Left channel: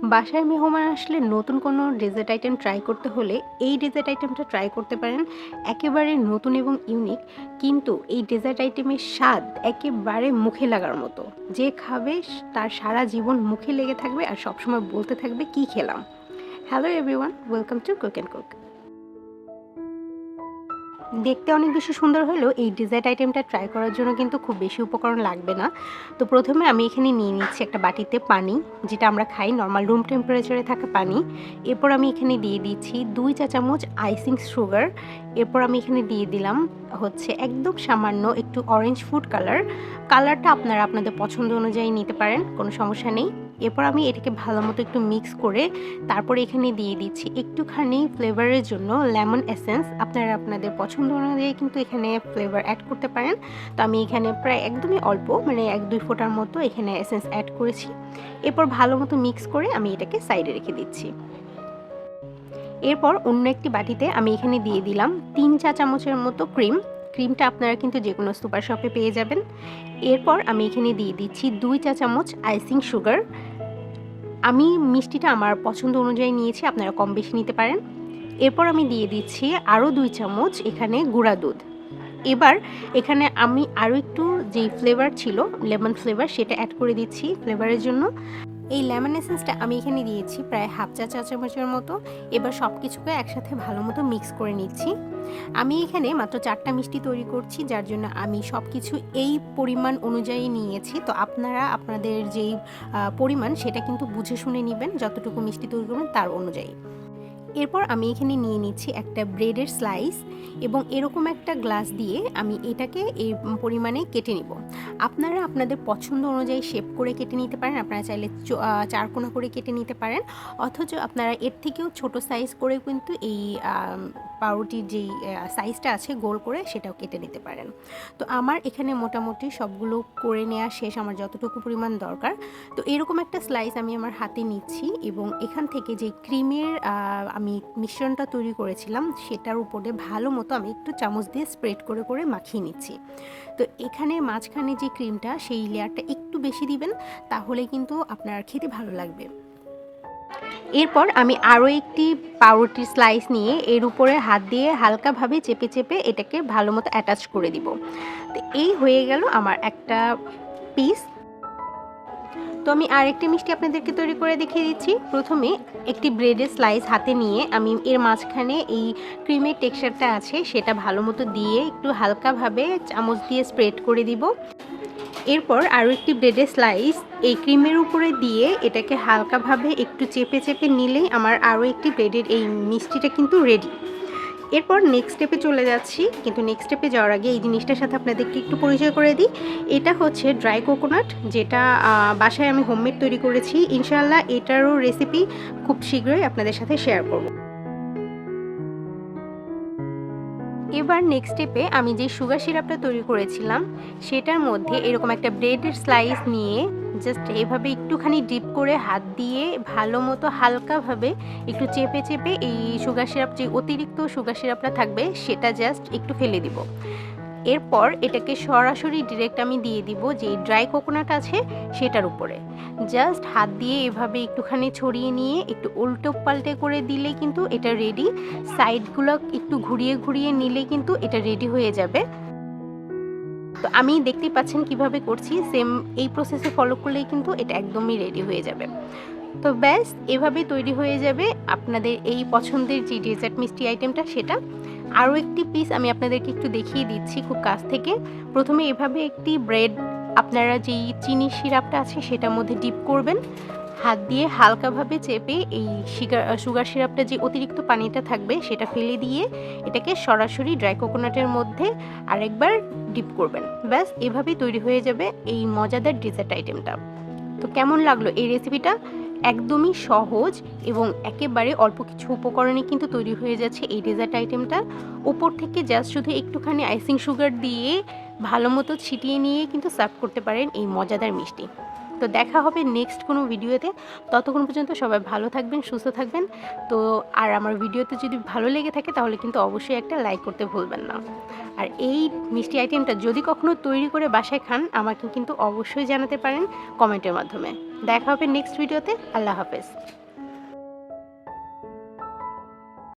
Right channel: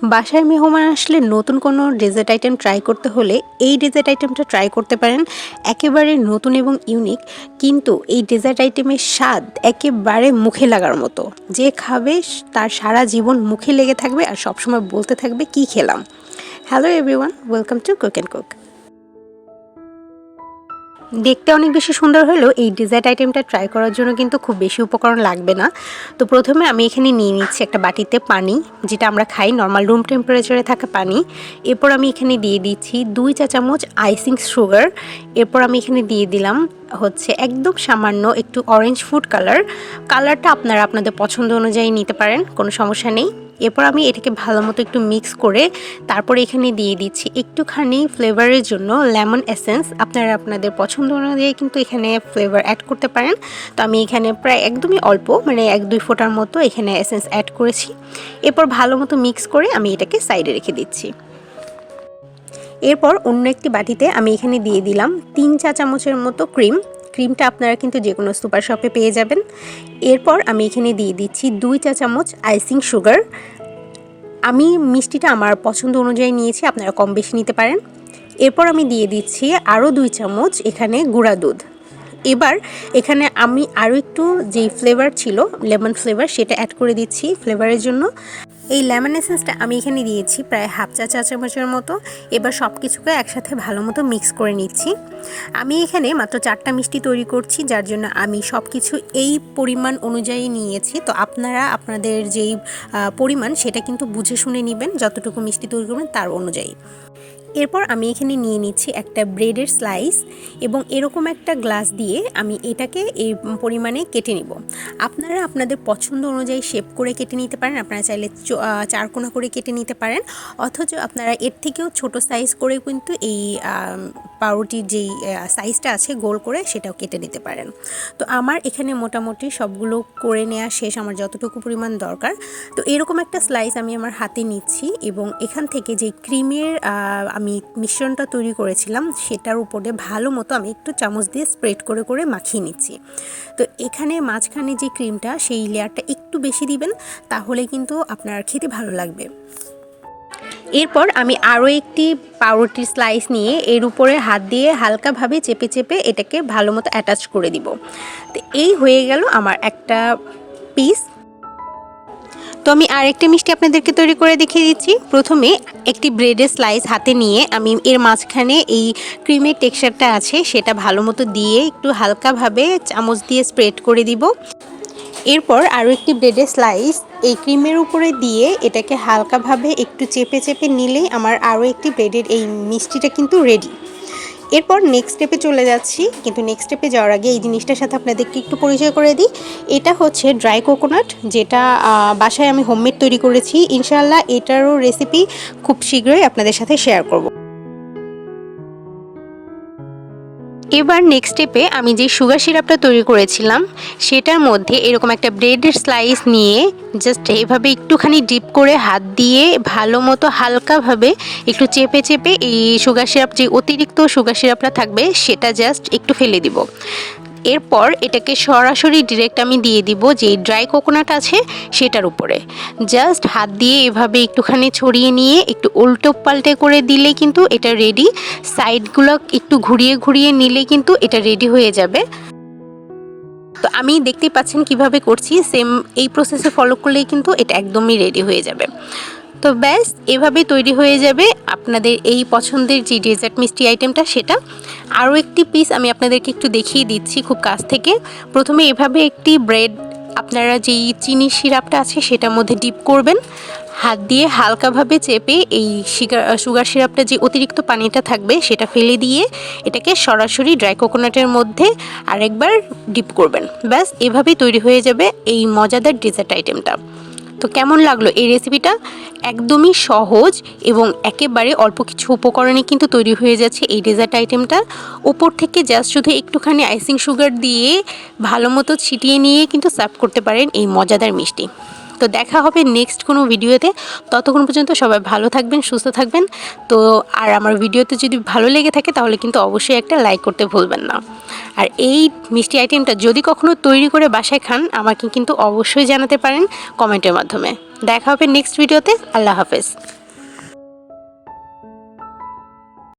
বাসায় মেহমান আসলে নতুন কোনো ডেজার্ট আইটেম ট্রাই করতে হলে এই ডেজার্ট আইটেমটা ট্রাই করতে পারেন। একেবারে নতুন এবং ইউনিক, কিন্তু এই ডেজার্ট আইটেমের স্বাদ একেবারে মুখে লাগার মতো। যে খাবে তার সারা জীবন মুখে লেগে থাকবে আর সবসময় বলতে থাকবে কি খেলাম। Hello everyone, welcome to cook and cook. দেখতে অনেক বেশি সুন্দর হলেও এই ডেজার্ট আইটেমটা ট্রাই করার জন্য কিন্তু খুব বেশি উপকরণ লাগবে না। তো প্রথমে আমি এখানে নিয়ে নিচ্ছি একটা বাটিতে পানি, যেটা আমরা খাই নর্মাল রুম টেম্পারেচারে থাকা পানি। এরপর আমি এখানে দিয়ে দিচ্ছি 2 চা চামচ আইসিং সুগার। এরপর আমি এখানে দিয়ে দিলাম একদম সামান্য একটু অরেঞ্জ ফুড কালারটা আপনারা আপনাদের পছন্দ অনুযায়ী নিতে পারেন, কোনো সমস্যা নেই। এরপর আমি এটাকে ভালো মতো একটু মিক্স করে তারপরে এখানে দিয়ে দিচ্ছি একটুখানি ফ্লেভারের জন্য লেমন এসেন্স। আপনারা আপনাদের পছন্দ অনুযায়ী কিন্তু এখানে ফ্লেভার অ্যাড করতে পারেন। তো আমি এখানে প্রায় একদমই অল্প, মানে 1-2 ফোঁটার মতো এখানে এসেন্স অ্যাড করেছি। এরপর ভালো মতো মিক্স করে আমি এটাকে সাইডে রেখে দিচ্ছি। এরপর অন্য একটি বাটিতে আমি এখানে দিয়ে দিলাম 3 চা চামচের মতো ক্রিমটা আপনারা কিন্তু যে কোনো সুপার শপে পেয়ে যাবেন। এরপর আমি এখানে দিয়ে দিচ্ছি 2 চা চামচ আইসিং সুগার। আমি মিষ্টিটা আমার পছন্দ অনুযায়ী নিয়েছি, আপনারা কম বেশি নিতে পারেন। এরপর আমি দিয়ে দিচ্ছি আরও 2 চামচ এখানে গুঁড়া দুধ। এবার এখানে আমি আরও একটু যেই ফ্লেভার ছিল লেমন ফ্লেভার, সেটা অ্যাড করে দিচ্ছি ফ্লেভারের জন্য। এই লেমন এসেন্সটা আমি এখানে দিয়েছি প্রায় হাফ চা চামচের মতো। এবার সব কিছুকে একসাথে ভালো মতো মিক্স করে নিচ্ছি। আমি এখানে মাত্র 4টা মিষ্টি তৈরি করছি, যার জন্য আমি সব কিছু এই পরিমাণ অনুযায়ী নিয়েছি। তো আপনারা আপনাদের যেই পরিমাণ সেটা কিন্তু বুঝে শুনে নেবেন, যতটুকু মিষ্টি তৈরি করবেন তার অনুযায়ী। এরপর আমি এখানে নিয়ে নিচ্ছি একটা ব্রেডের স্লাইস এবং এরকম একটা গ্লাস দিয়ে আমি এটাকে এই পরিমাণে কেটে নিব। আপনারা আপনাদের পছন্দ অনুযায়ী শেপ করে কেটে নিতে পারেন। আপনারা চাইলে 4 কোণা করে কেটে নিতে পারেন, অথচ আপনারা এর থেকেও ছোট সাইজ করে কিন্তু এই পাউরুটির যেই সাইজটা আছে গোল করে সেটাও কেটে নিতে পারেন। তো আমার এখানে মোটামুটি সবগুলো করে নেওয়া শেষ, আমার যতটুকু পরিমাণ দরকার। তো এরকম একটা স্লাইস আমি আমার হাতে নিচ্ছি এবং এখান থেকে যে ক্রিমের আমি মিশ্রণটা তৈরি করেছিলাম সেটার উপরে ভালো মতো আমি একটু চামচ দিয়ে স্প্রেড করে করে মাখিয়ে নিচ্ছি। তো এখানে মাঝখানে যে ক্রিমটা সেই লেয়ারটা একটু বেশি দিবেন, তাহলে কিন্তু আপনার খেতে ভালো লাগবে। এরপর আমি আরও একটি পাউরুটির স্লাইস নিয়ে এর উপরে হাত দিয়ে হালকাভাবে চেপে চেপে এটাকে ভালো মতো অ্যাটাচ করে দিব। তো এই হয়ে গেল আমার একটা পিস। তো আমি আরেকটা মিষ্টি আপনাদেরকে তৈরি করে দেখিয়ে দিচ্ছি। প্রথমে একটি ব্রেডের স্লাইস হাতে নিয়ে আমি এর মাঝখানে এই ক্রিমের টেক্সচারটা আছে সেটা ভালো মতো দিয়ে একটু হালকাভাবে চামচ দিয়ে স্প্রেড করে দিব। এরপর আরও একটি ব্রেডের স্লাইস এই ক্রিমের উপরে দিয়ে এটাকে হালকাভাবে একটু চেপে চেপে নিলেই আমার আরও একটি ব্রেডের এই মিষ্টিটা কিন্তু রেডি। এরপর নেক্সট স্টেপে চলে যাচ্ছি, কিন্তু নেক্সট স্টেপে যাওয়ার আগে এই জিনিসটার সাথে আপনাদেরকে একটু পরিচয় করে দিই। এটা হচ্ছে ড্রাই কোকোনাট, যেটা বাসায় আমি হোমমেড তৈরি করেছি। ইনশাআল্লাহ এটারও রেসিপি খুব শীঘ্রই আপনাদের সাথে শেয়ার করব। এবার নেক্সট স্টেপে আমি যে সুগার সিরাপটা তৈরি করেছিলাম সেটার মধ্যে এরকম একটা ব্রেডের স্লাইস নিয়ে জাস্ট এইভাবে একটুখানি ডিপ করে হাত দিয়ে ভালো মতো হালকাভাবে একটু চেপে চেপে এই সুগার সিরাপ, যে অতিরিক্ত সুগার সিরাপটা থাকবে সেটা জাস্ট একটু ফেলে দিব। এরপর এটাকে সরাসরি ডিরেক্ট আমি দিয়ে দিব যে ড্রাই কোকোনাট আছে সেটার উপরে। জাস্ট হাত দিয়ে এভাবে একটুখানি ছড়িয়ে নিয়ে একটু উল্টো পাল্টে করে দিলে কিন্তু এটা রেডি। সাইডগুলো একটু ঘুরিয়ে ঘুরিয়ে নিলে কিন্তু এটা রেডি হয়ে যাবে। তো আমি দেখতেই পাচ্ছেন কিভাবে করছি, সেম এই প্রসেসে ফলো করলেই কিন্তু এটা একদমই রেডি হয়ে যাবে। তো ব্যাস এভাবেই তৈরি হয়ে যাবে আপনাদের এই পছন্দের যে ডেজার্ট মিষ্টি আইটেমটা। সেটা আরও একটি পিস আমি আপনাদেরকে একটু দেখিয়ে দিচ্ছি খুব কাছ থেকে। প্রথমে এভাবে একটি ব্রেড আপনারা যেই চিনি সিরাপটা আছে সেটার মধ্যে ডিপ করবেন, হাত দিয়ে হালকাভাবে চেপে এই সুগার সিরাপটা যে অতিরিক্ত পানিটা থাকবে সেটা ফেলে দিয়ে এটাকে সরাসরি ড্রাই কোকোনাটের মধ্যে আরেকবার ডিপ করবেন। ব্যাস এভাবেই তৈরি হয়ে যাবে এই মজাদার ডেজার্ট আইটেমটা। তো কেমন লাগলো এই রেসিপিটা? একদমই সহজ এবং একেবারে অল্প কিছু উপকরণে কিন্তু তৈরি হয়ে যাচ্ছে এই ডেজার্ট আইটেমটা। উপর থেকে জাস্ট শুধু একটুখানি আইসিং সুগার দিয়ে ভালো মতো ছিটিয়ে নিয়ে কিন্তু সার্ভ করতে পারেন এই মজাদার মিষ্টি। তো দেখা হবে নেক্সট কোনো ভিডিওতে। ততক্ষণ পর্যন্ত সবাই ভালো থাকবেন, সুস্থ থাকবেন। তো আর আমার ভিডিওতে যদি ভালো লেগে থাকে তাহলে কিন্তু অবশ্যই একটা লাইক করতে ভুলবেন না। আর এই মিষ্টি আইটেমটা যদি কখনো তৈরি করে বাসায় খান আমাকে কিন্তু অবশ্যই জানাতে পারেন কমেন্টের মাধ্যমে। দেখা হবে নেক্সট ভিডিওতে। আল্লাহ হাফেজ।